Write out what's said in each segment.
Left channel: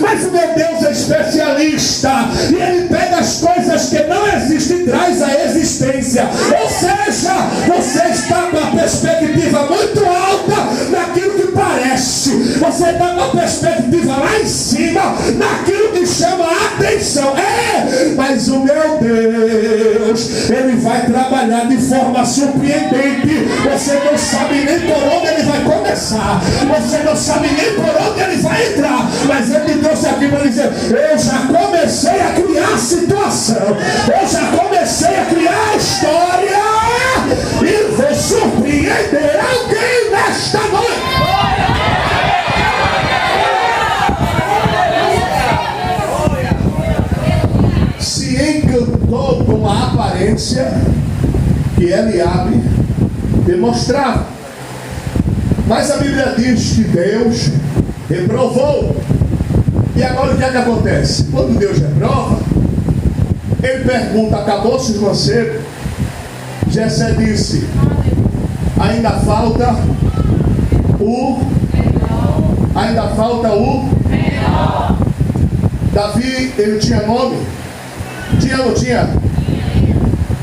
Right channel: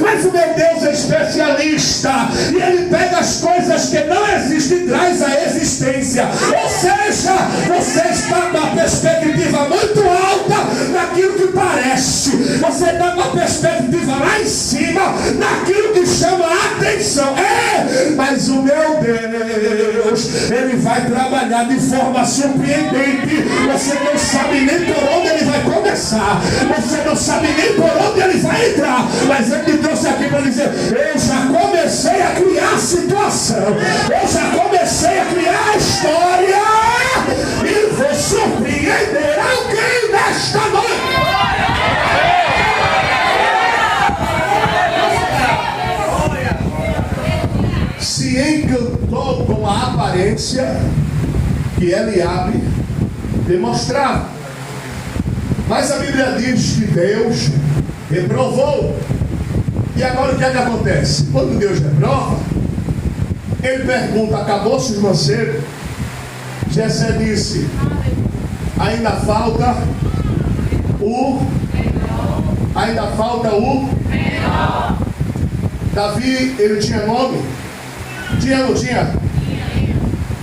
mas o meu Deus é especialista, e Ele pega as coisas que não existem e traz à existência. Ou seja, você está com a perspectiva muito alta naquilo que parece, você está com a perspectiva lá em cima naquilo que chama a atenção. Mas o meu Deus, Ele vai trabalhar de forma surpreendente. Você não sabe nem por onde Ele vai começar, você não sabe nem por onde Ele vai entrar, mas Ele me trouxe aqui para dizer: eu já comecei a criar a situação, eu já comecei a criar a história, e vou surpreender alguém nesta noite. Se encantou com a aparência que Eliabe demonstrava, mas a Bíblia diz que Deus reprovou. E agora o que é que acontece? Quando Deus reprova, Ele pergunta: acabou-se os mancebos? Jessé disse: ainda falta o Davi. Ele tinha nome? Tinha ou não tinha?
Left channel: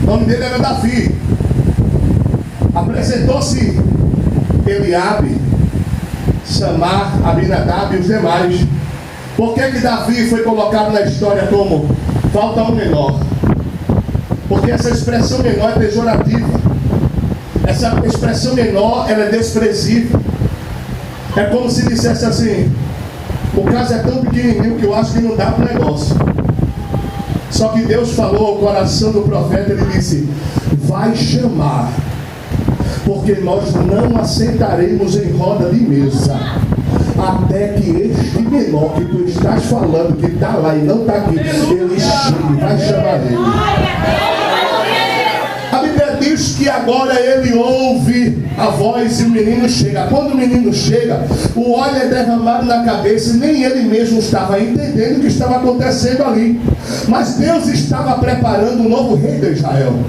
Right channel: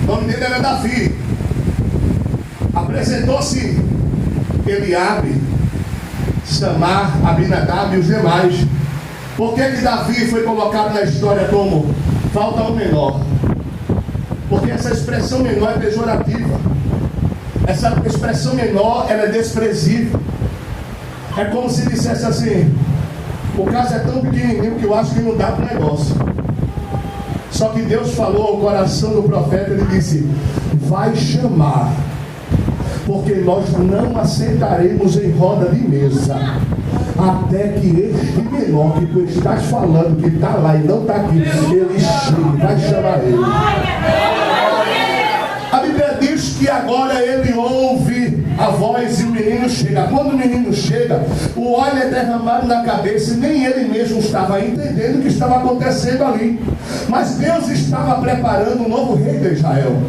O nome dele era Davi. Apresentou-se Eliabe, Samar, Abinadab e os demais. Por que Davi foi colocado na história como falta um menor? Porque essa expressão menor é pejorativa. Essa expressão menor, ela é desprezível. É como se dissesse assim: o caso é tão pequenininho que eu acho que não dá para o negócio. Só que Deus falou ao coração do profeta, Ele disse: vai chamar, porque nós não aceitaremos em roda de mesa até que este menor que tu estás falando, que está lá e não está aqui, ele chegue, vai chamar ele. A Bíblia diz que agora ele ouve a voz e o menino chega. Quando o menino chega, o óleo é derramado na cabeça, e nem ele mesmo estava entendendo o que estava acontecendo ali. Mas Deus estava preparando um novo rei de Israel.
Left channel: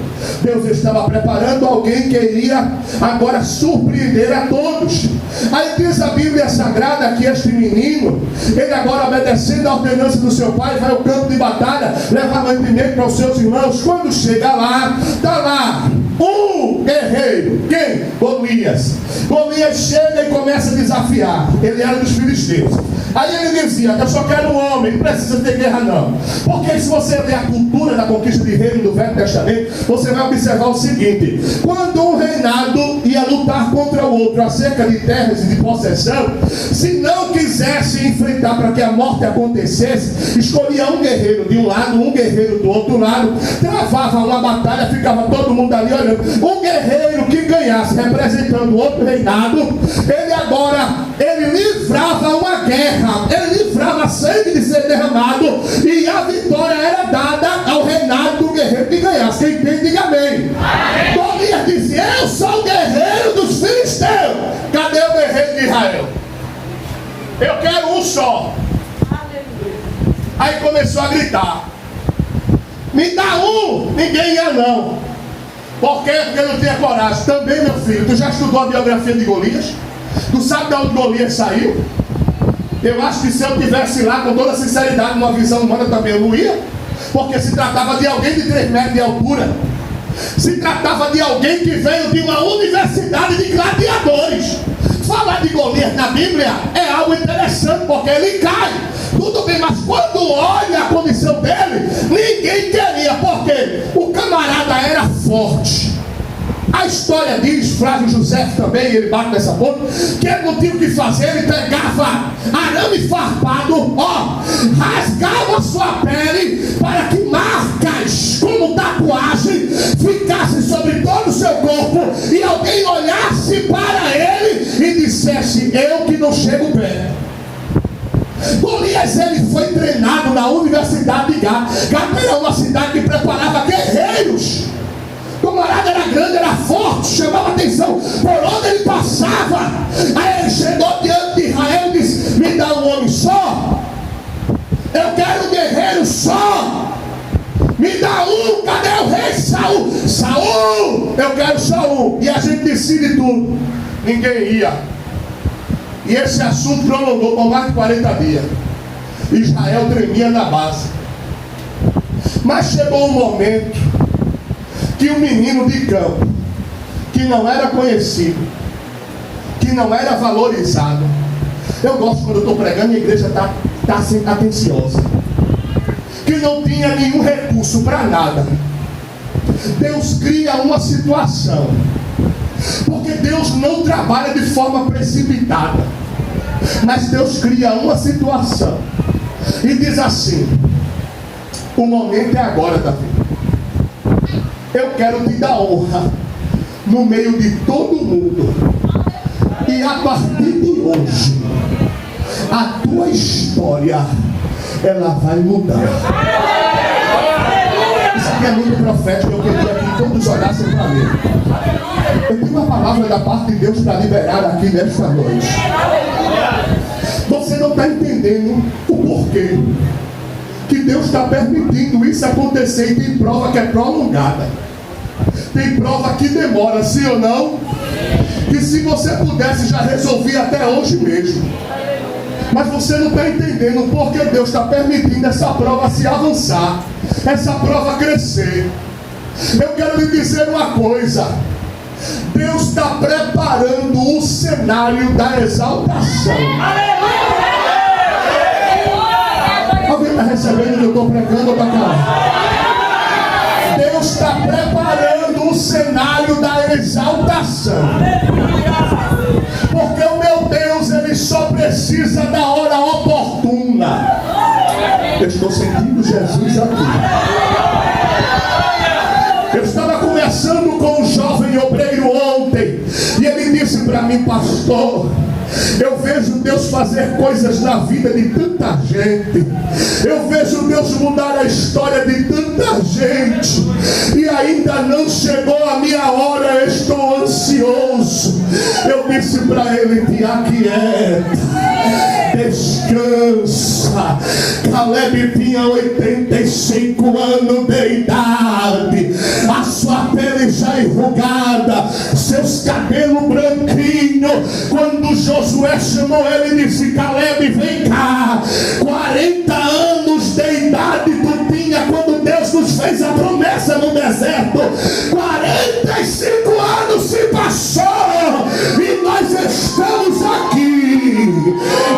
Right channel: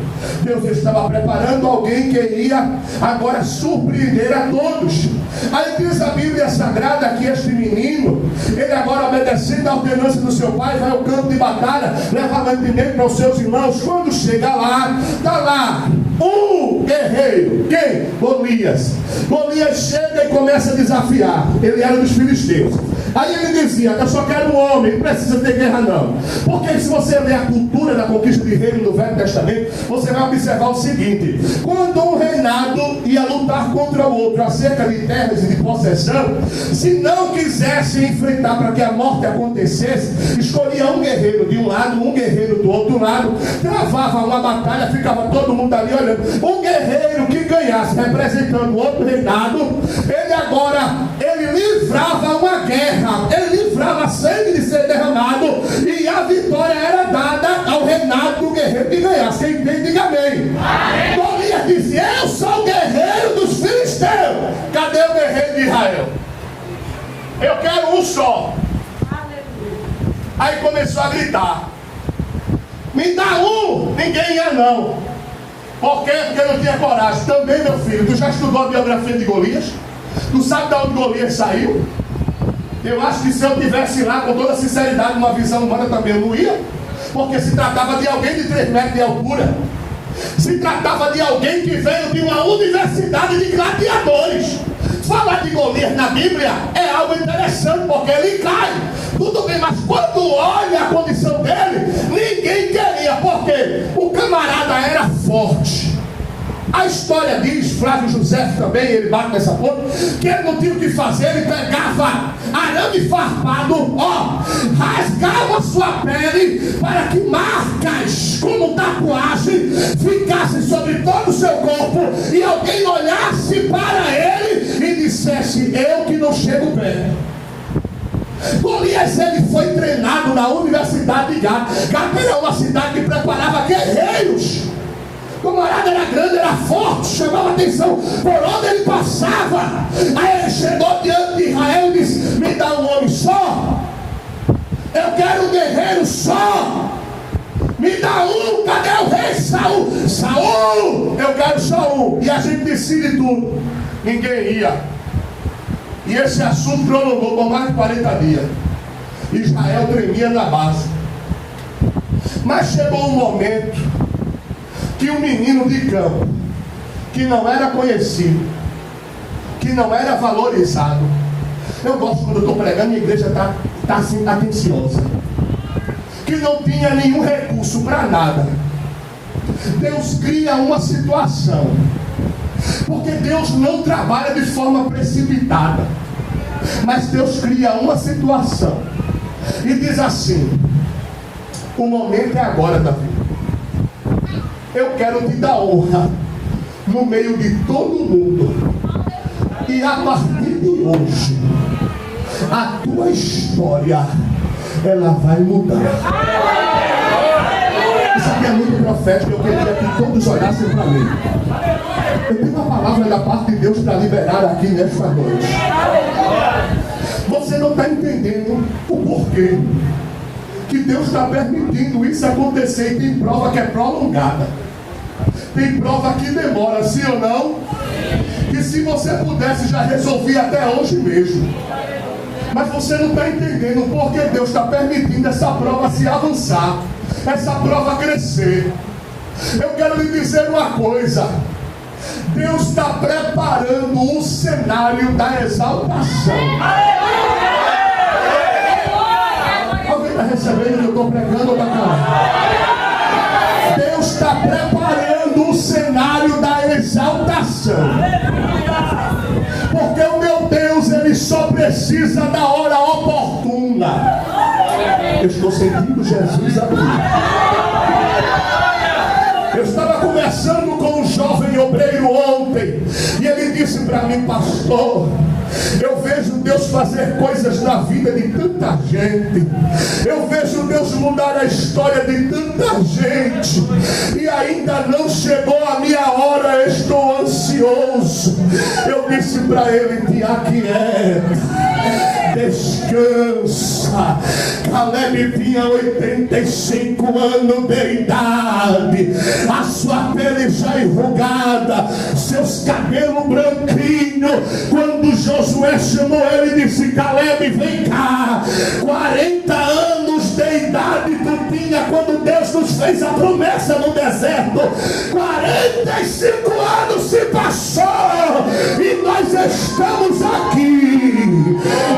Deus estava preparando alguém que iria agora surpreender a todos. Aí diz a Bíblia Sagrada que este menino, ele agora, obedecendo a ordenança do seu pai, vai ao campo de batalha, leva mantimento para os seus irmãos. Quando chega lá, está lá um guerreiro. Quem? Golias. Golias chega e começa a desafiar. Ele era dos filisteus. Aí ele dizia: eu só quero um homem, não precisa ter guerra não. Porque se você ler a cultura da conquista de reino do Velho Testamento, você vai observar o seguinte: quando um reinado ia lutar contra o outro acerca de terras e de possessão, se não quisesse enfrentar para que a morte acontecesse, escolhia um guerreiro de um lado, um guerreiro do outro lado, travava uma batalha, ficava todo mundo ali olhando. Um guerreiro que ganhasse representando outro reinado, ele livrava uma guerra, ele livrava sangue de ser derramado, e a vitória era dada ao reinado do guerreiro que ganhasse. Quem entende, diga amém. Golias dizia: eu sou o guerreiro dos filisteus. Cadê o guerreiro de Israel? Eu quero um só. Aí começou a gritar: me dá um. Ninguém ia não. Por quê? Porque não tinha coragem. Também, meu filho, tu já estudou a biografia de Golias? Tu sabe de onde Golias saiu? Eu acho que se eu tivesse lá com toda sinceridade, uma visão humana, também eu não ia. Porque se tratava de alguém de 3 metros de altura. Se tratava de alguém que veio de uma universidade de gladiadores. Falar de Golias na Bíblia é algo interessante, porque ele cai. Tudo bem, mas quando olha a condição dele, ninguém queria, porque o camarada era forte. A história diz, Flávio José também, ele bate nessa ponta, que ele não tinha o que fazer, ele pegava arame farpado, rasgava sua pele para que marcas como tatuagem ficassem sobre todo o seu corpo, e alguém olhasse para ele e dissesse: eu que não chego perto. Golias, ele foi treinado na Universidade de Gat. Gat era uma cidade que preparava guerreiros. O camarada era grande, era forte, chamava atenção por onde ele passava. Aí ele chegou diante de Israel e disse: me dá um homem só. Eu quero um guerreiro só. Me dá um. Cadê o rei Saul? Saul, eu quero só um. E a gente decide tudo. Ninguém ia. E esse assunto prolongou por mais de 40 dias. Israel tremia na base. Mas chegou um momento que um menino de campo, que não era conhecido, que não era valorizado. Eu gosto quando eu estou pregando e a igreja está assim, atenciosa. Que não tinha nenhum recurso para nada. Deus cria uma situação. Porque Deus não trabalha de forma precipitada. Mas Deus cria uma situação. E diz assim: o momento é agora, Davi. Eu quero te dar honra no meio de todo mundo. E a partir de hoje, a tua história, ela vai mudar. Isso aqui é muito profético. Eu queria que todos olhassem para mim. Eu tenho uma palavra da parte de Deus para liberar aqui nesta noite. Você não está entendendo o porquê que Deus está permitindo isso acontecer. E tem prova que é prolongada, tem prova que demora, sim ou não? Que se você pudesse já resolvia até hoje mesmo. Mas você não está entendendo porque Deus está permitindo essa prova se avançar, essa prova crescer. Eu quero lhe dizer uma coisa: Deus está preparando o cenário da exaltação. Alguém está recebendo o que eu estou pregando ou está calado? Deus está preparando o cenário da exaltação. Porque o meu Deus, Ele só precisa da hora oportuna. Eu estou sentindo Jesus aqui. Eu estava conversando com um jovem obreiro ontem, e ele disse para mim: pastor, eu vejo Deus fazer coisas na vida de tanta gente, eu vejo Deus mudar a história de tanta gente, e ainda não chegou a minha hora, eu estou ansioso. Eu disse para ele: te aquieta, descansa. Caleb tinha 85 anos de idade, a sua pele já enrugada, seus cabelos branquinhos. Quando Josué chamou ele, disse: Caleb, vem cá. 40 anos de idade tu tinha quando Deus nos fez a promessa no deserto. 45 anos se passou e nós estamos aqui.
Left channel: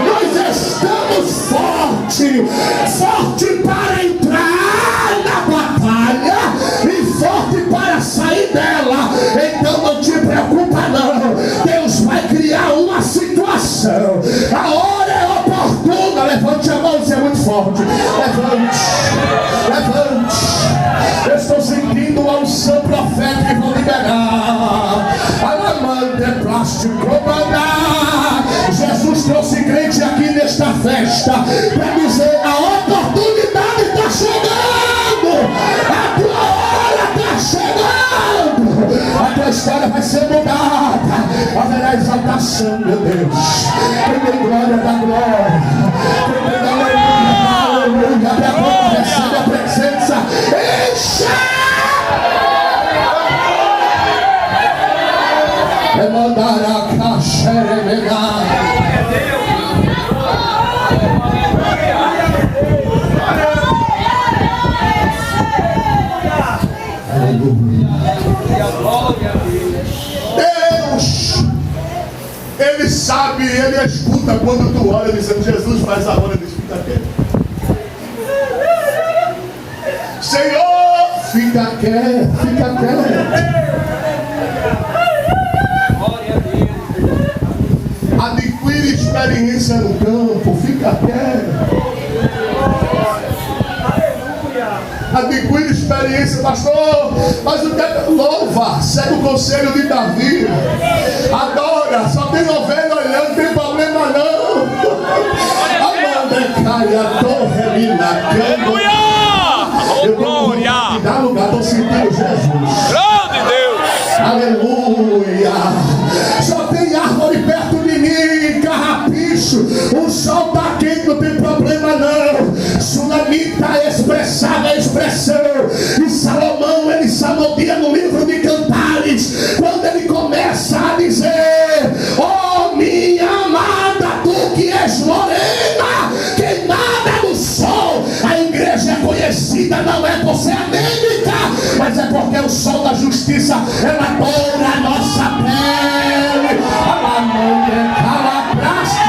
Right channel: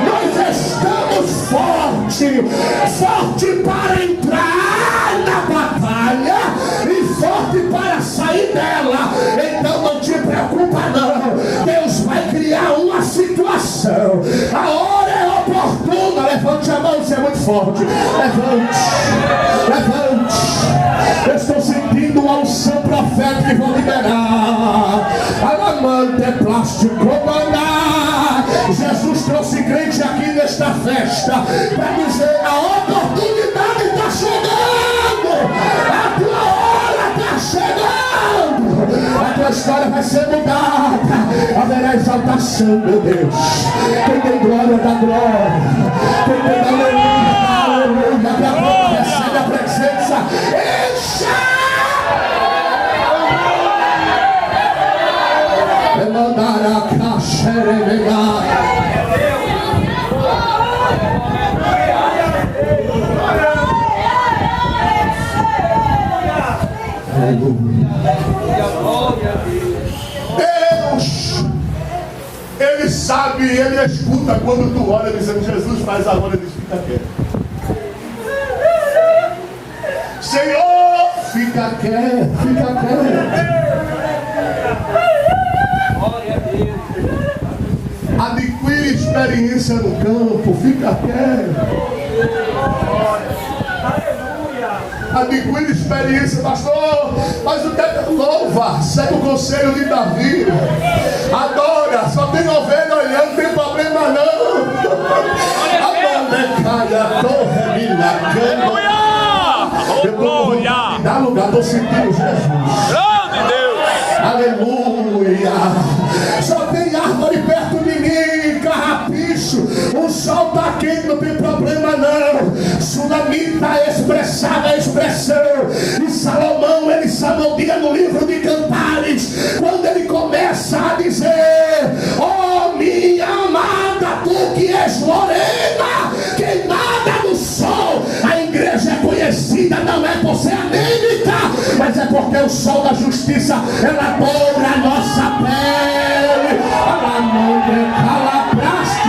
Nós estamos fortes para entrar na batalha e forte para sair dela. Então não te preocupa não, Deus vai criar uma situação. A hora é oportuna. Levante a mão, você é muito forte. Levante. Eu estou sentindo uma unção profética que vou liberar. Alamante é plástico mandar. Jesus trouxe crente aqui nesta festa para dizer: a oportunidade está chegando, a tua hora está chegando, a tua história vai ser mudada, haverá exaltação, meu Deus. Quem tem glória dá glória, quem tem aleluia dá aleluia, até agora recebe a presença. Encha! Mandar a caixa Deus, Ele sabe, Ele escuta quando tu olha dizendo: Jesus, faz a hora de ficar quieto. Senhor, fica quieto, fica quieto. Adquire experiência no campo, fica quieto. Adquire experiência, pastor. Mas o que é que louva? Segue o conselho de Davi. Adora, só tem ovelha olhando, não tem problema não. Amanda caia, torre mina, aleluia! Glória! Dá lugar, estou sentindo Jesus. Grande Deus! Aleluia! Só tem árvore perto de mim, carrapicho. O sol está quente, não tem problema não. Sulamita expressava a expressão. E Salomão, ele salmodia no livro de Cantares, quando ele começa a dizer: oh minha amada, tu que és morena, queimada justiça, ela dobra a nossa pele. Ela não decala praste,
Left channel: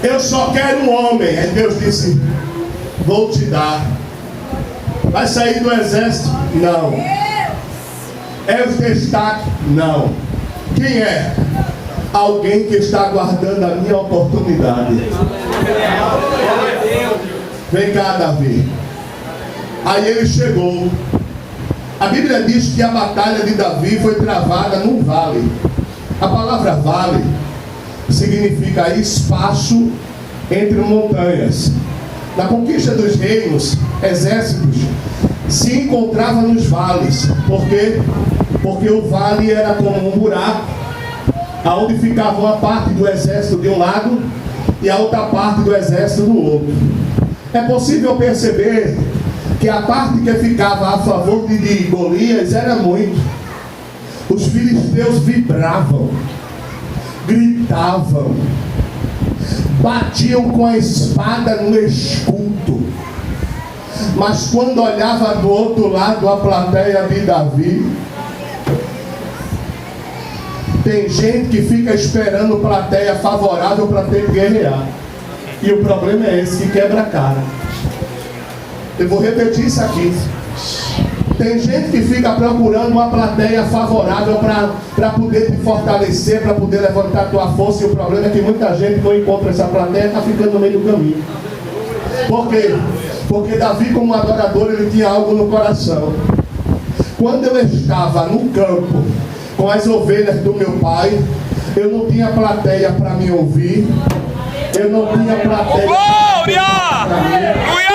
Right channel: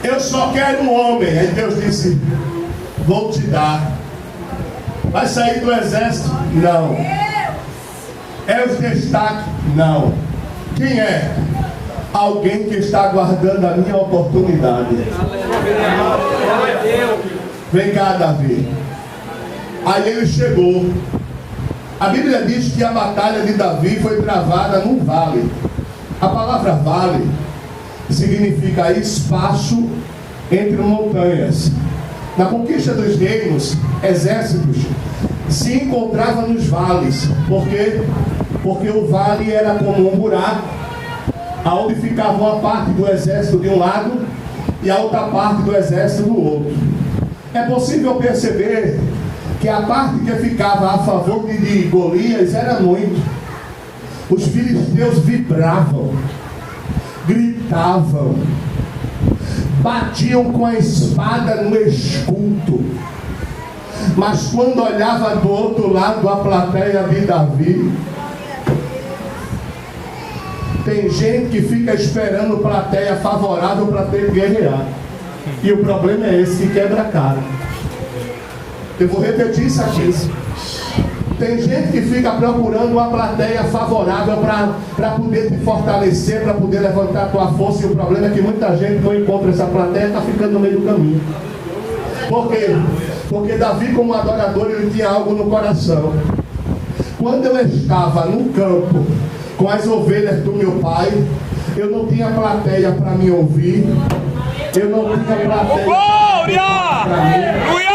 eu só quero um homem. Aí Deus disse: vou te dar. Vai sair do exército? Não. É os destaques? Não. Quem é? Alguém que está aguardando a minha oportunidade. Vem cá, Davi. Aí ele chegou. A Bíblia diz que a batalha de Davi foi travada num vale. A palavra vale significa espaço entre montanhas. Na conquista dos reinos, exércitos se encontravam nos vales. Por quê? Porque o vale era como um buraco, aonde ficava uma parte do exército de um lado e a outra parte do exército do outro. É possível perceber que a parte que ficava a favor de Golias era muito. Os filisteus vibravam, gritavam, batiam com a espada no escudo. Mas quando olhava do outro lado a plateia de Davi, tem gente que fica esperando plateia favorável para ter que guerrear. E o problema é esse, que quebra a cara. Eu vou repetir isso aqui. Tem gente que fica procurando uma plateia favorável para poder te fortalecer, para poder levantar a tua força. E o problema é que muita gente não encontra essa plateia e está ficando no meio do caminho. Por quê? Porque Davi, como adorador, ele tinha algo no coração. Quando eu estava no campo com as ovelhas do meu pai, eu não tinha plateia para me ouvir. Eu não tinha plateia. Glória! Aleluia!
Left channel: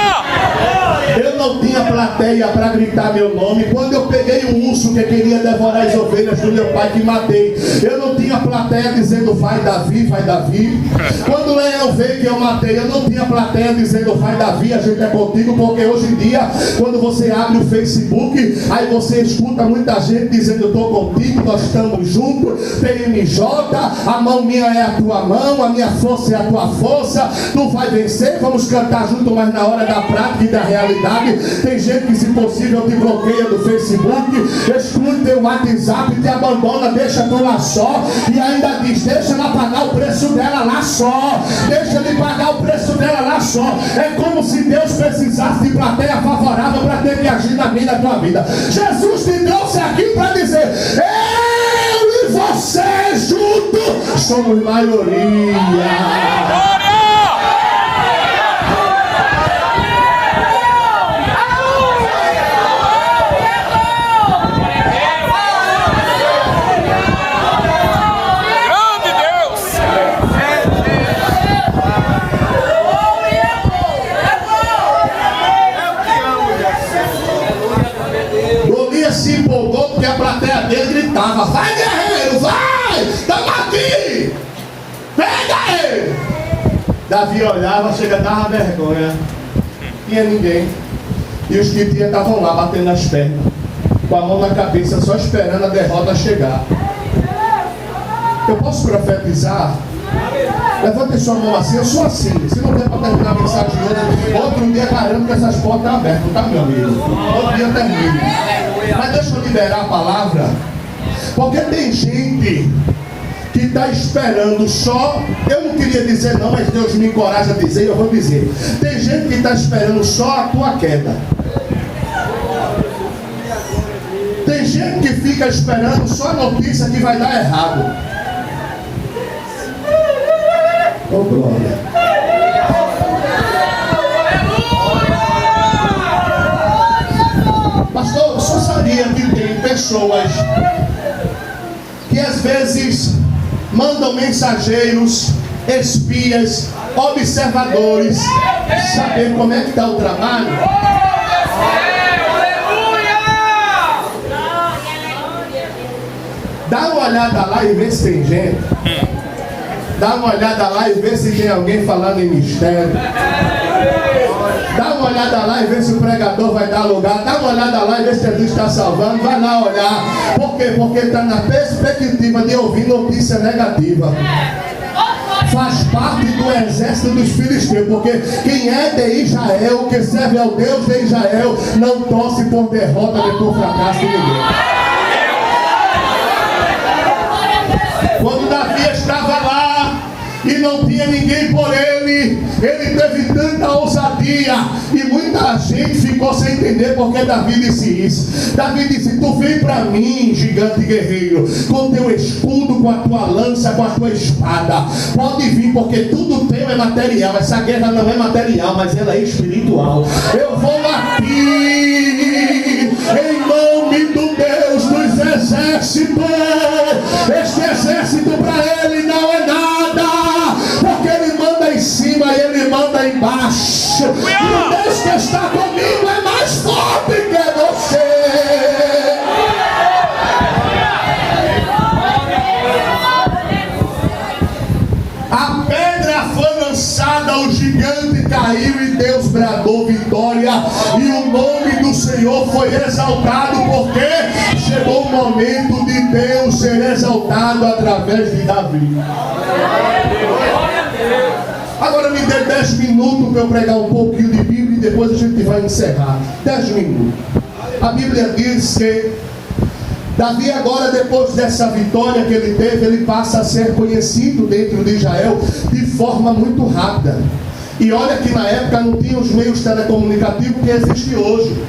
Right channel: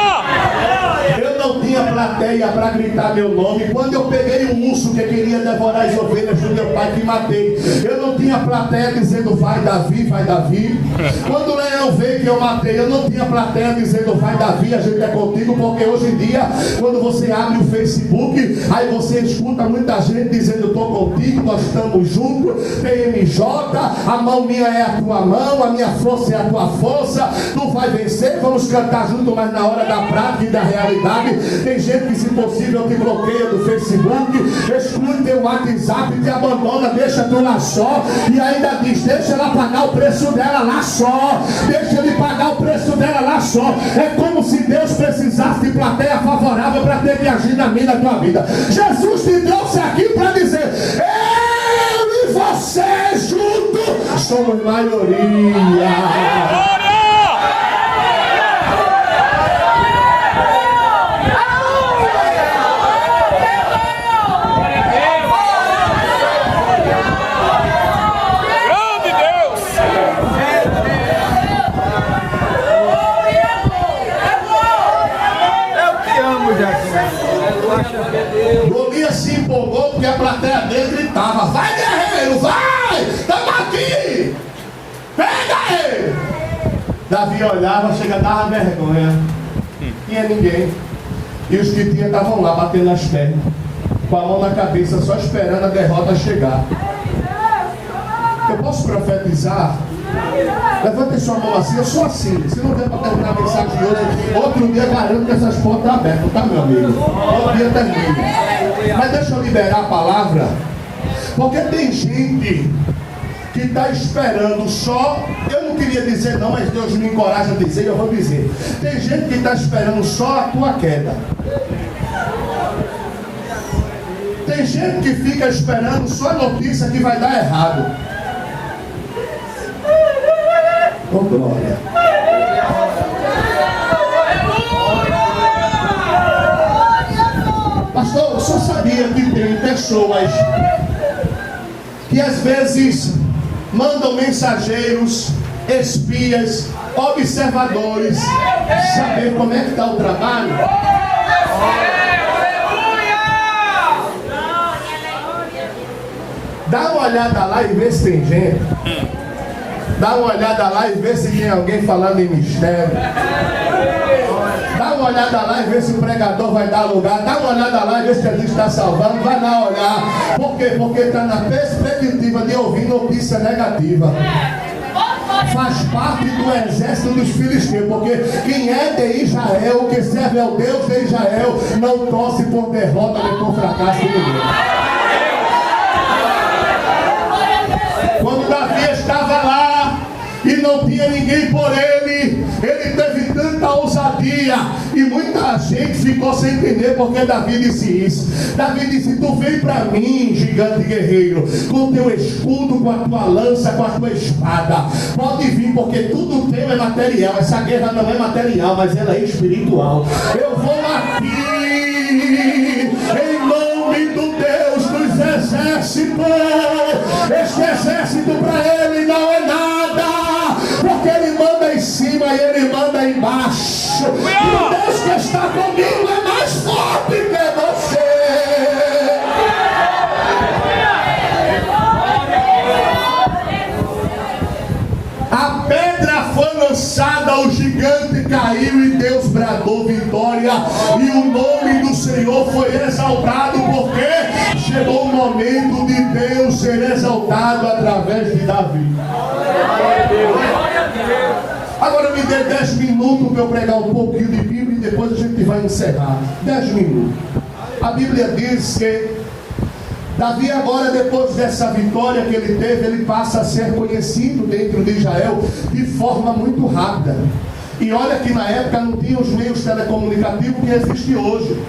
Eu não tinha plateia para gritar meu nome. Quando eu peguei um urso que queria devorar as ovelhas do meu pai, que matei, eu não tinha plateia dizendo vai Davi, vai Davi. Quando o leão veio que eu matei, eu não tinha plateia dizendo vai Davi, a gente é contigo. Porque hoje em dia, quando você abre o Facebook, aí você escuta muita gente dizendo eu estou contigo, nós estamos juntos, PMJ, a mão minha é a tua mão, a minha força é a tua força, tu vai vencer, vamos cantar junto, mas na hora da prática e da realidade, tem gente que, se possível, te bloqueia do Facebook, exclui teu WhatsApp, te abandona, deixa tu lá só, e ainda diz, deixa ela pagar o preço dela lá só, deixa ele pagar o preço dela lá só. É como se Deus precisasse de plateia favorável para ter que agir na minha, na tua vida. Jesus te trouxe aqui para dizer, eu e você juntos somos maioria. Se empolgou porque a plateia dele gritava, vai guerreiro, vai, estamos aqui, pega ele. Davi olhava, chega, dava vergonha, não tinha ninguém, e os que tinha estavam lá batendo as pernas, com a mão na cabeça, só esperando a derrota chegar. Eu posso profetizar? Levante sua mão assim, eu sou assim. Se não der para terminar a mensagem de hoje, outro dia garanto que essas portas estão abertas, tá, meu amigo? Outro dia termina. Mas deixa eu liberar a palavra, porque tem gente que está esperando só. Eu não queria dizer não, mas Deus me encoraja a dizer, eu vou dizer. Tem gente que está esperando só a tua queda. Tem gente que fica esperando só a notícia que vai dar errado. Oh, glória. Pastor, eu só sabia que tem pessoas que às vezes mandam mensageiros, espias, observadores, saber como é que está o trabalho. Dá uma olhada lá e vê se tem gente. Dá uma olhada lá e vê se tem alguém falando em mistério. Dá uma olhada lá e vê se o pregador vai dar lugar. Dá uma olhada lá e vê se Jesus está salvando. Vai lá olhar. Por quê? Porque está na perspectiva de ouvir notícia negativa. Faz parte do exército dos filisteus. Porque quem é de Israel, que serve ao Deus de Israel, não torce por derrota nem por fracasso de ninguém. Quando Davi estava lá e não tinha ninguém por ele teve tanta ousadia, e muita gente ficou sem entender porque Davi disse isso. Davi disse: tu vem para mim, gigante guerreiro, com teu escudo, com a tua lança, com a tua espada. Pode vir, porque tudo teu é material. Essa guerra não é material, mas ela é espiritual. Eu vou bater em nome do Deus dos exércitos. Este exército para ele não é nada, porque ele manda em cima e ele manda embaixo. E o Deus que está comigo é mais forte que você. A pedra foi lançada, o gigante caiu e Deus bradou vitória. E o nome do Senhor foi exaltado, porque chegou o momento de Deus ser exaltado através de Davi. Agora me dê 10 minutos para eu pregar um pouquinho de Bíblia e depois a gente vai encerrar. 10 minutos. A Bíblia diz que Davi agora, depois dessa vitória que ele teve, ele passa a ser conhecido dentro de Israel de forma muito rápida. E olha que na época não tinha os meios telecomunicativos que existem hoje.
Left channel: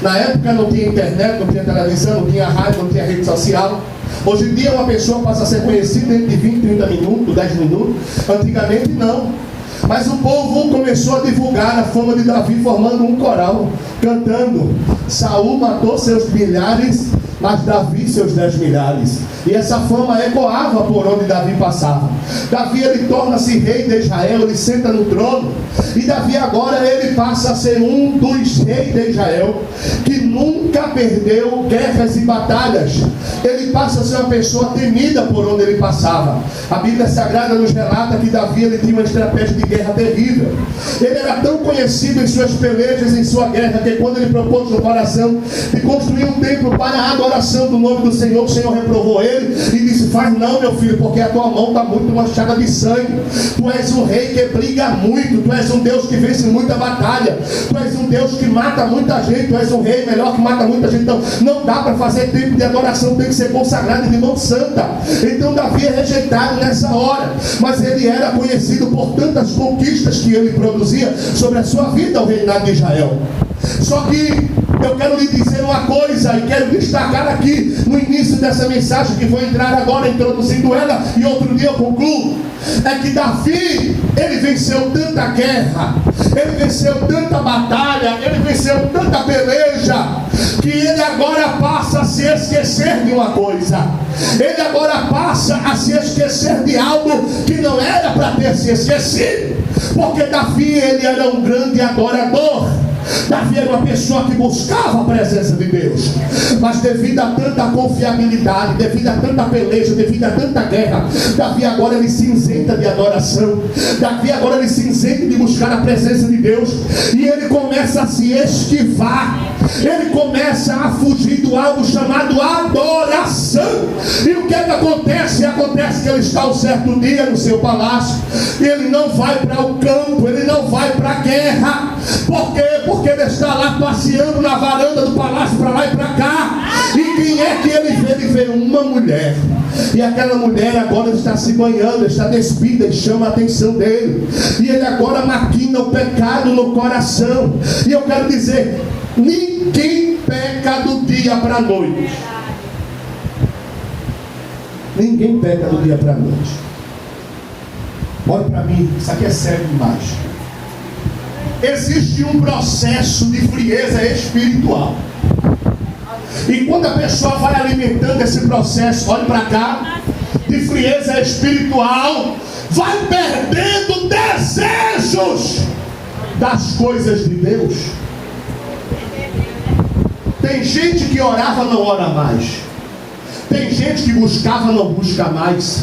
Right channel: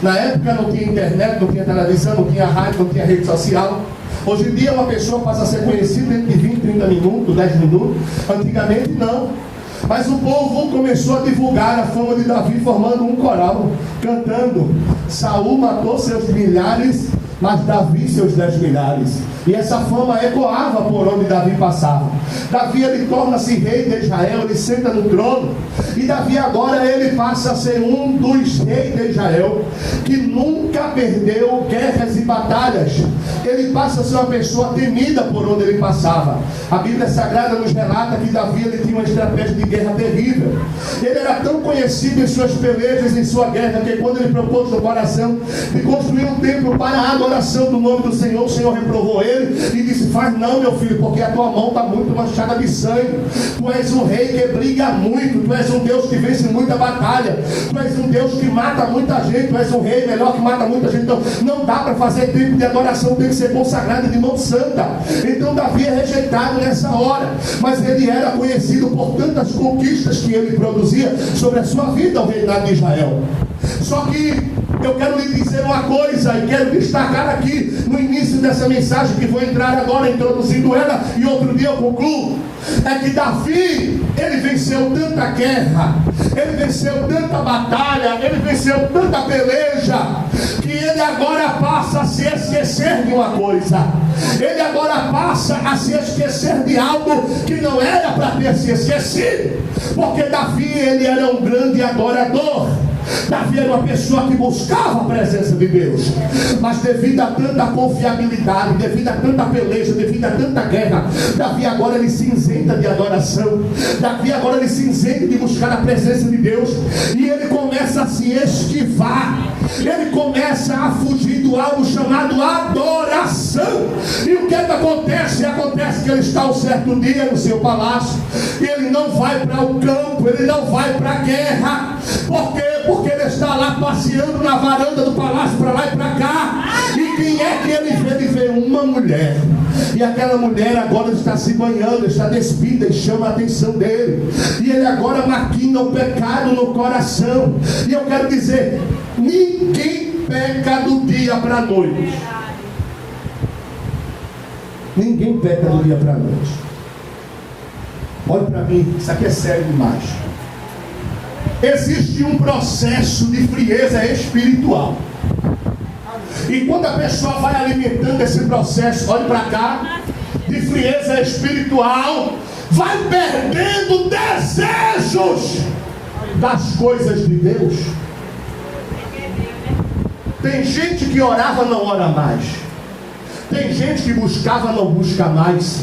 Na época não tinha internet, não tinha televisão, não tinha rádio, não tinha rede social. Hoje em dia uma pessoa passa a ser conhecida dentro de 20, 30 minutos, 10 minutos. Antigamente não. Mas o povo começou a divulgar a fama de Davi, formando um coral, cantando: Saul matou seus milhares, mas Davi seus 10 milhares. E essa fama ecoava por onde Davi passava. Davi, ele torna-se rei de Israel, ele senta no trono. E Davi agora, ele passa a ser um dos reis de Israel, que nunca perdeu guerras e batalhas. Ele passa a ser uma pessoa temida por onde ele passava. A Bíblia Sagrada nos relata que Davi, ele tinha uma estratégia de guerra terrível. Ele era tão conhecido em suas pelejas, em sua guerra, que quando ele propôs no coração de construir um templo para a adoração do nome do Senhor, o Senhor reprovou ele e disse: faz não, meu filho, porque a tua mão está muito manchada de sangue. Tu és um rei que briga muito, tu és um Deus que vence muita batalha, tu és um Deus que mata muita gente, tu és um rei melhor que mata muita gente. Então não dá para fazer templo de adoração, tem que ser consagrado de mão santa. Então Davi é rejeitado nessa hora, mas ele era conhecido por tantas conquistas que ele produzia sobre a sua vida ao reinado de Israel. Só que eu quero lhe dizer uma coisa, e quero destacar aqui no início dessa mensagem, que vou entrar agora introduzindo ela, e outro dia eu concluo. É que Davi, ele venceu tanta guerra, ele venceu tanta batalha, ele venceu tanta peleja, que ele agora passa a se esquecer de uma coisa. Ele agora passa a se esquecer de algo que não era para ter se esquecido. Porque Davi, ele era um grande adorador. Davi era uma pessoa que buscava a presença de Deus, mas devido a tanta confiabilidade, devido a tanta peleja, devido a tanta guerra, Davi agora ele se isenta de adoração. Davi agora ele se isenta de buscar a presença de Deus, e ele começa a se esquivar, ele começa a fugir do algo chamado adoração. E o que é que acontece? Acontece que ele está um certo dia no seu palácio, e ele não vai para o campo, ele não vai para a guerra. Por quê? Porque ele está lá passeando na varanda do palácio, para lá e para cá. E quem é que ele vê? Ele vê uma mulher. E aquela mulher agora está se banhando, está despida, e chama a atenção dele. E ele agora maquina o pecado no coração. E eu quero dizer, ninguém peca do dia para a noite. Ninguém peca do dia para a noite. Olha para mim, isso aqui é sério demais. Existe um processo de frieza espiritual. E quando a pessoa vai alimentando esse processo, olhe para cá, de frieza espiritual, vai perdendo desejos das coisas de Deus. Tem gente que orava, não ora mais. Tem gente que buscava, não busca mais.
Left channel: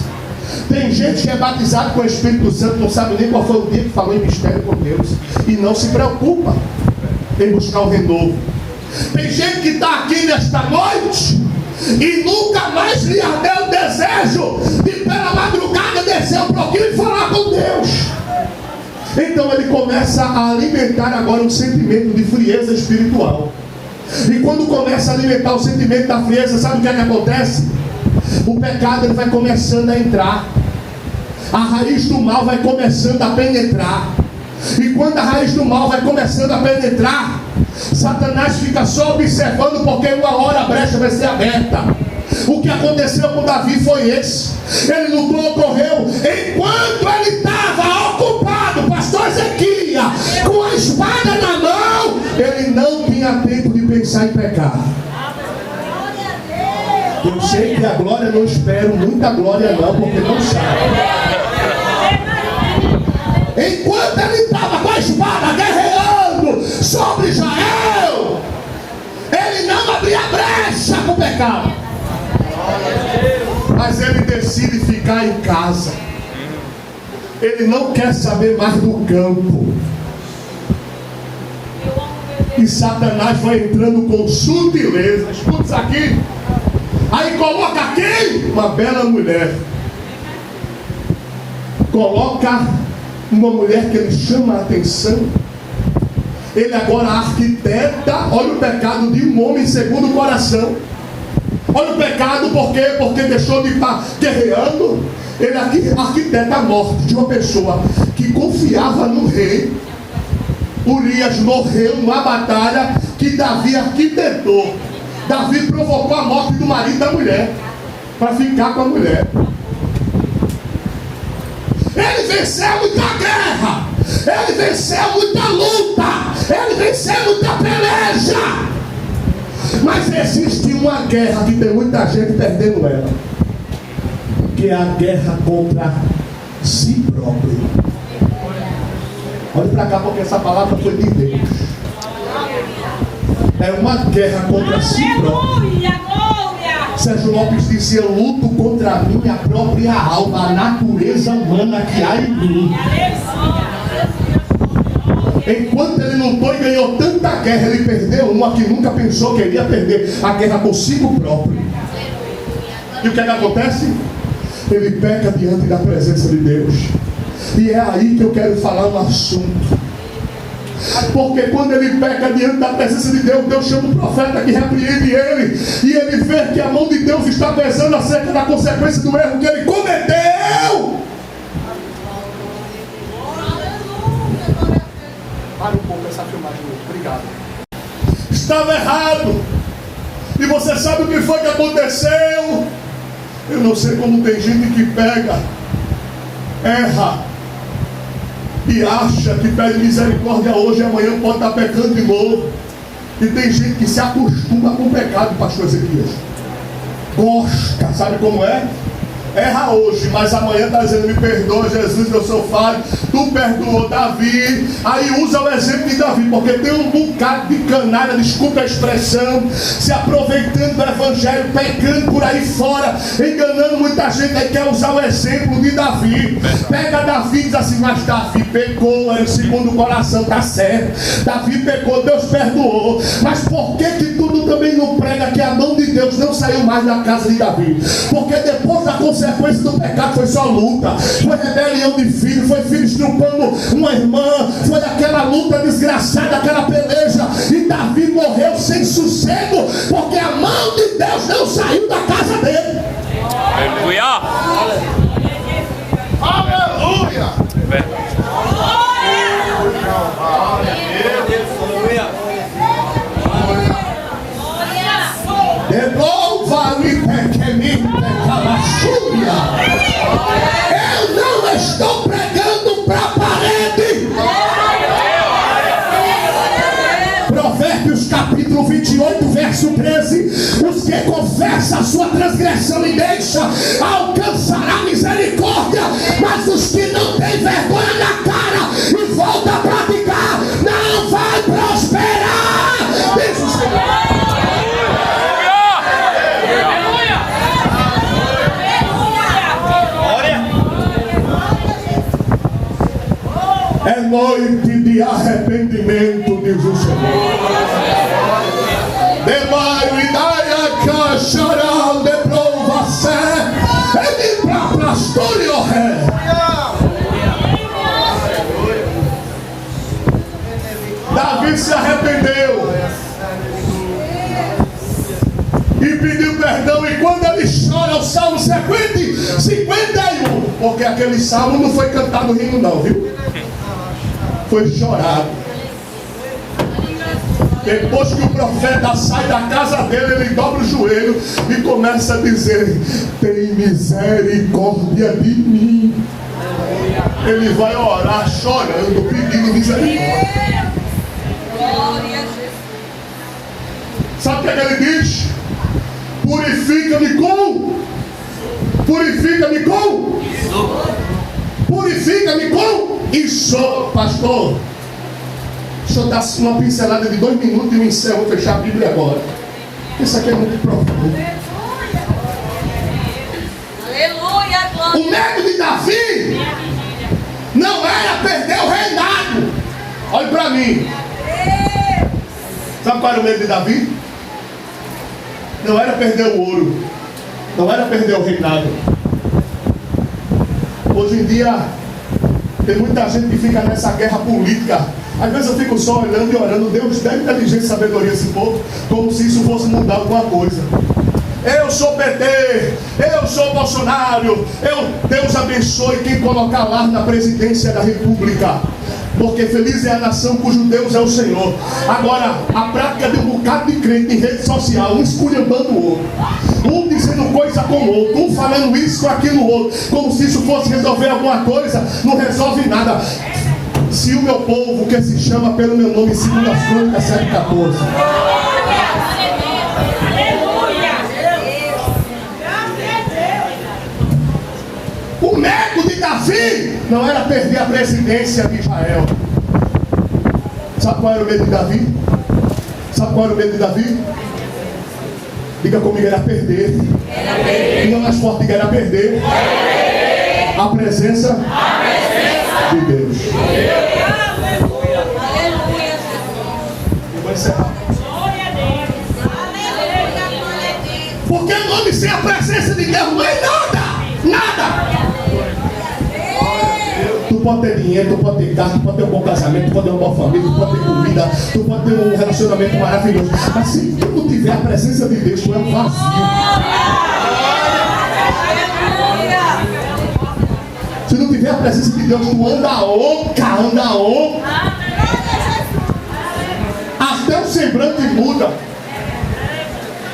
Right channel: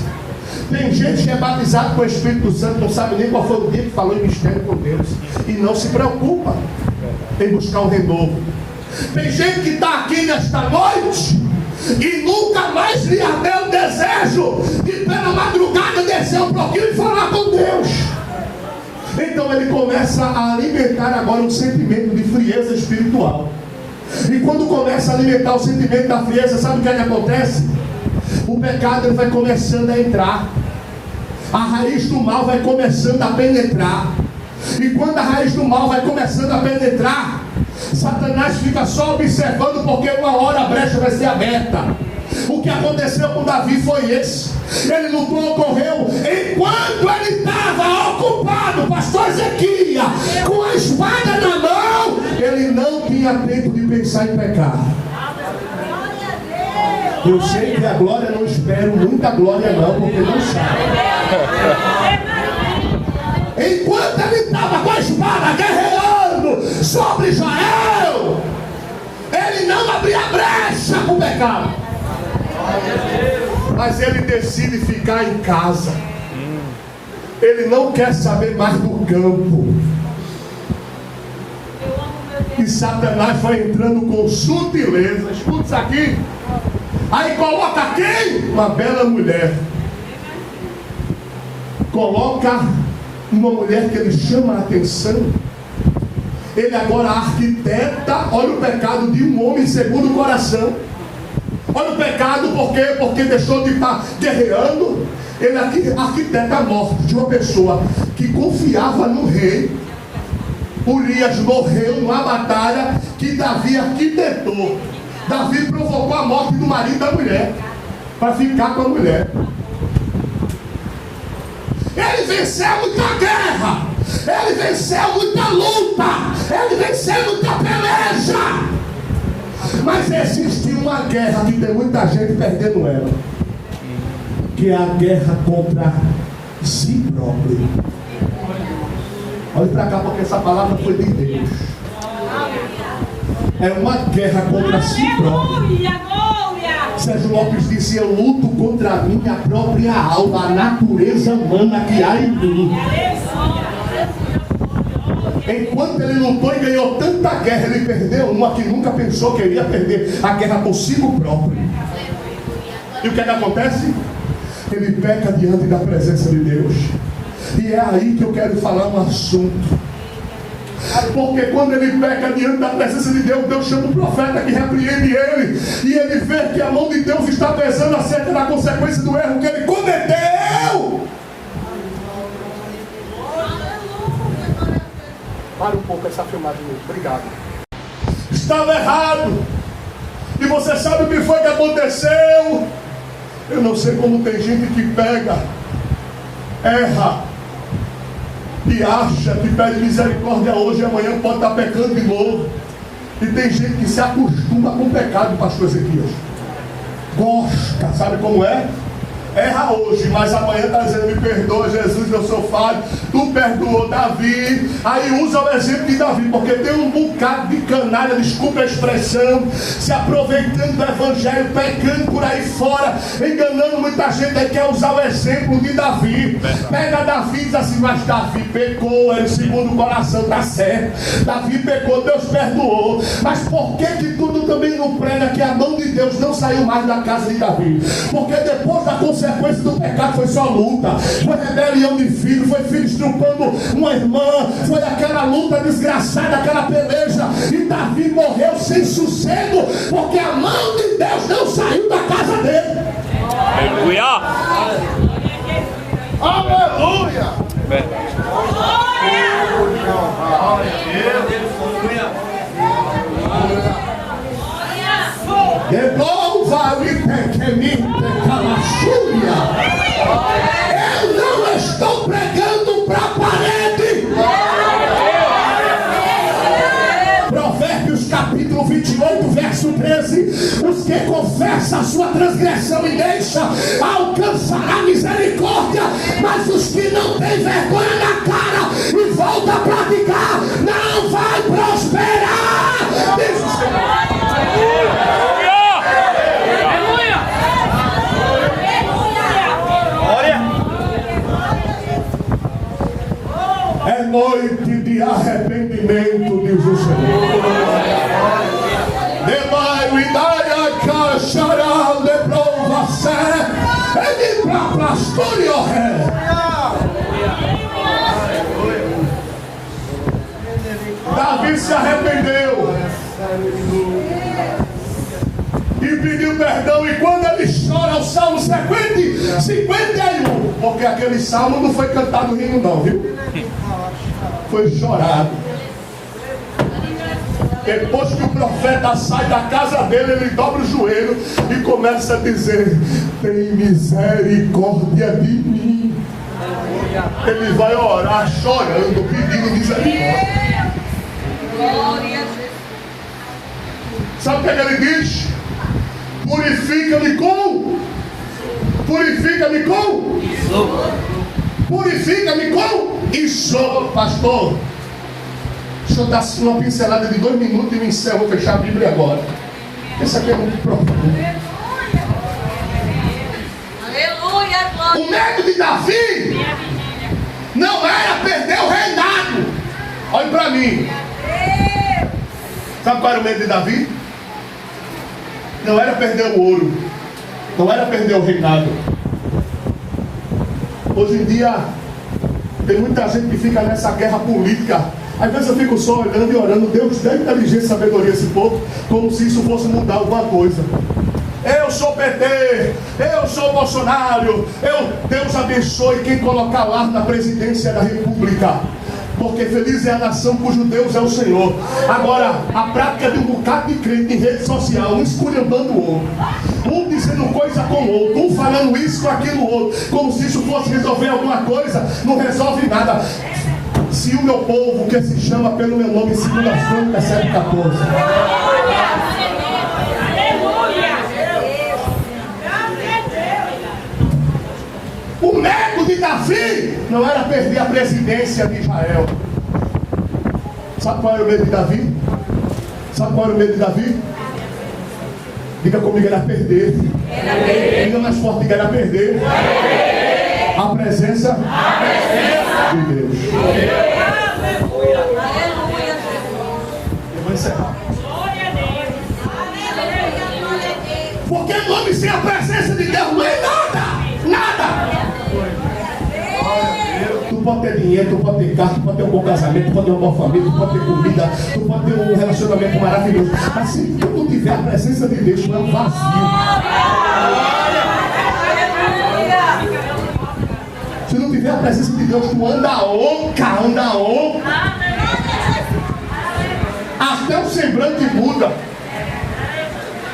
Tem gente que é batizado com o Espírito Santo, não sabe nem qual foi o dia que falou em mistério com Deus, e não se preocupa em buscar o renovo. Tem gente que está aqui nesta noite e nunca mais lhe ardeu o desejo de pela madrugada descer um pouquinho e falar com Deus. Então ele começa a alimentar agora um sentimento de frieza espiritual. E quando começa a alimentar o sentimento da frieza, sabe o que acontece? O pecado ele vai começando a entrar. A raiz do mal vai começando a penetrar. E quando a raiz do mal vai começando a penetrar, Satanás fica só observando, porque uma hora a brecha vai ser aberta. O que aconteceu com Davi foi esse. Ele lutou, correu, enquanto ele estava ocupado, pastor Ezequiel, com a espada na mão, ele não tinha tempo de pensar em pecar. Eu sei que a glória, não espero muita glória não, porque não sabe. Enquanto ele estava com a espada guerreando sobre Israel, ele não abria brecha com o pecado. Mas ele decide ficar em casa. Ele não quer saber mais do campo. E Satanás vai entrando com sutileza. Escuta isso aqui. Aí coloca quem? Uma bela mulher. Coloca uma mulher que ele chama a atenção. Ele agora arquiteta. Olha o pecado de um homem segundo o coração. Olha o pecado, por quê? Porque deixou de estar guerreando. Ele arquiteta a morte de uma pessoa que confiava no rei. Urias morreu numa batalha que Davi arquitetou. Davi provocou a morte do marido da mulher para ficar com a mulher. Ele venceu muita guerra, ele venceu muita luta, ele venceu muita peleja. Mas existe uma guerra que tem muita gente perdendo ela, que é a guerra contra si próprio. Olhe para cá, porque essa palavra foi de Deus. É uma guerra contra si próprio. Sérgio Lopes disse: eu luto contra a minha própria alma, a natureza humana que há em mim. Enquanto ele lutou e ganhou tanta guerra, ele perdeu uma que nunca pensou que iria perder: a guerra consigo próprio. E o que acontece? Ele peca diante da presença de Deus. E é aí que eu quero falar um assunto. Porque quando ele peca diante da presença de Deus, Deus chama o profeta que repreende ele, e ele vê que a mão de Deus está pesando acerca da consequência do erro que ele cometeu. Para um pouco essa filmagem, obrigado. Estava errado. E você sabe o que foi que aconteceu? Eu não sei como tem gente que pega, erra e acha que pede misericórdia hoje e amanhã pode estar pecando de novo. E tem gente que se acostuma com o pecado, pastor Ezequiel. Gosta, sabe como é? Erra hoje, mas amanhã está dizendo: me perdoa, Jesus, eu sou falho. Tu perdoou Davi. Aí usa o exemplo de Davi, porque tem um bocado de canalha, desculpa a expressão, se aproveitando do evangelho, pecando por aí fora, enganando muita gente. Aí quer usar o exemplo de Davi. Pega Davi e diz assim: mas Davi pecou, é o segundo o coração, está certo. Davi pecou, Deus perdoou. Mas por que tudo também não prega que a mão de Deus não saiu mais da casa de Davi? Porque depois da consequência do pecado foi só luta, foi rebelião de filho, foi filho estrupando uma irmã, foi aquela luta desgraçada, aquela peleja, e Davi morreu sem sossego, porque a mão de Deus não saiu da casa dele. Aleluia! Aleluia! Devolva-me pequenita calachúria. Eu não estou pregando para a parede. Provérbios capítulo 28, verso 13: os que confessam a sua transgressão e deixam alcançará misericórdia, mas os que não têm vergonha na cara e voltam a praticar não vai prosperar. Diz o Senhor. se arrependeu e pediu perdão. E quando ele chora, o Salmo 51, porque aquele salmo não foi cantado rindo não, viu? Foi chorado. Depois que o profeta sai da casa dele, ele dobra o joelho e começa a dizer: tem misericórdia de mim. Ele vai orar chorando, pedindo misericórdia. Sabe o que ele diz? Purifica-me com isso, pastor. Deixa eu dar uma pincelada de 2 minutos e eu encerro, vou fechar a Bíblia agora. Isso aqui é muito profundo. O medo de Davi não era perder o reinado. Olhe para mim. Sabe qual era o medo de Davi? Não era perder o ouro, não era perder o reinado. Hoje em dia tem muita gente que fica nessa guerra política. Às vezes eu fico só olhando e orando: Deus dê inteligência e sabedoria a esse povo, como se isso fosse mudar alguma coisa. Eu sou PT, eu sou Bolsonaro, Deus abençoe quem colocar lá na presidência da República, porque feliz é a nação cujo Deus é o Senhor. Agora, a prática de um bocado de crente em rede social, um esculhambando o outro, um dizendo coisa com o outro, um falando isso com aquilo outro, como se isso fosse resolver alguma coisa, não resolve nada. Se o meu povo, que se chama pelo meu nome, 2 Crônicas 7:14. O medo de Davi não era perder a presidência de Israel. Sabe qual era o medo de Davi? Diga comigo: era perder. Diga mais forte: diga, era perder a presença de Deus. Eu vou encerrar. Porque o nome sem a presença de Deus não é nada. Tu pode ter dinheiro, tu pode ter carro, tu pode ter um bom casamento, tu pode ter uma boa família, tu pode ter comida, tu pode ter um relacionamento maravilhoso, mas se tu não tiver a presença de Deus, tu é um vazio. Se não tiver a presença de Deus, tu anda oca. Até o semblante muda.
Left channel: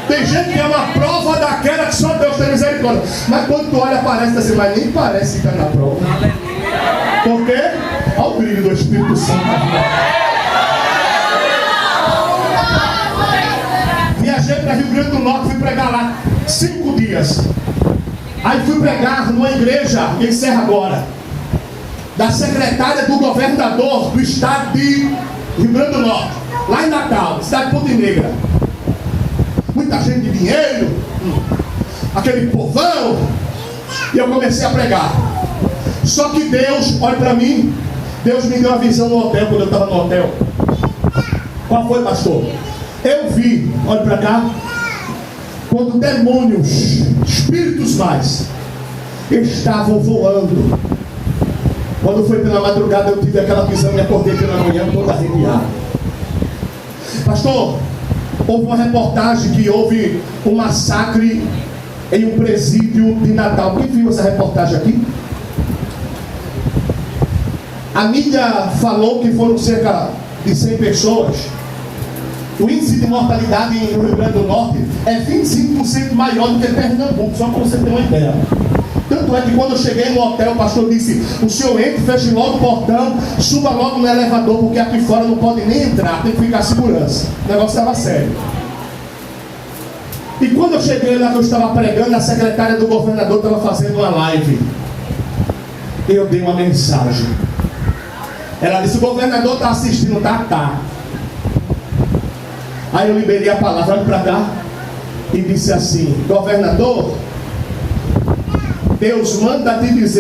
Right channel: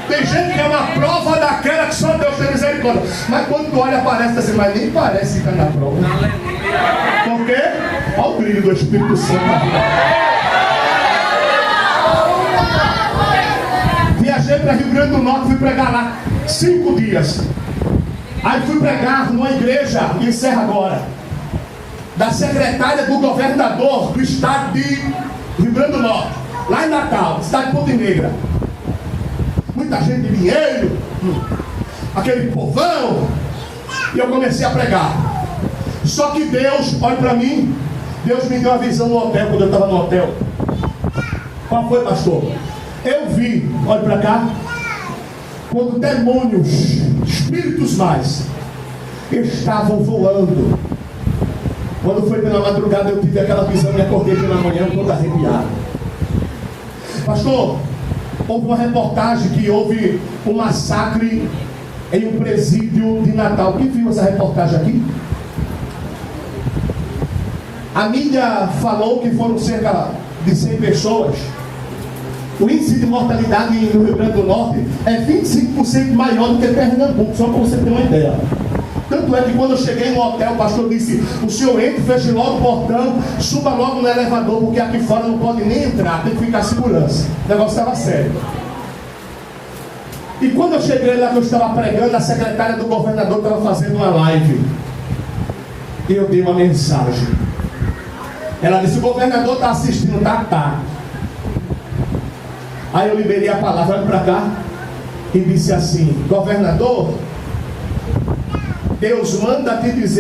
Tem gente que é uma prova daquela que só Deus tem misericórdia, mas quando tu olha, parece assim, mas nem parece que está na prova. Por quê? Olha o brilho do Espírito Santo na vida. Viajei para Rio Grande do Norte, fui pregar lá 5 dias. Aí fui pregar numa igreja em Serra Agora, da secretária do governador do estado de Rio Grande do Norte, lá em Natal, cidade de Ponte Negra. Muita gente de dinheiro, aquele povão. E eu comecei a pregar. Só que Deus, olha para mim, Deus me deu uma visão no hotel, quando eu estava no hotel. Qual foi, pastor? Eu vi, olha para cá, quando demônios, espíritos mais, estavam voando. Quando foi pela madrugada, eu tive aquela visão, me acordei pela manhã todo arrepiado. Pastor, houve uma reportagem que houve um massacre em um presídio de Natal. Quem viu essa reportagem aqui? A mídia falou que foram cerca de 100 pessoas. O índice de mortalidade no Rio Grande do Norte é 25% maior do que Pernambuco, só para você ter uma ideia. Tanto é que quando eu cheguei no hotel, o pastor disse: o senhor entra, feche logo o portão, suba logo no elevador, porque aqui fora não pode nem entrar, tem que ficar segurança. O negócio estava sério. E quando eu cheguei lá que eu estava pregando, a secretária do governador estava fazendo uma live. Eu dei uma mensagem. Ela disse: o governador está assistindo, tá. Aí eu liberei a palavra, olha para cá, e disse assim: governador, Deus manda te dizer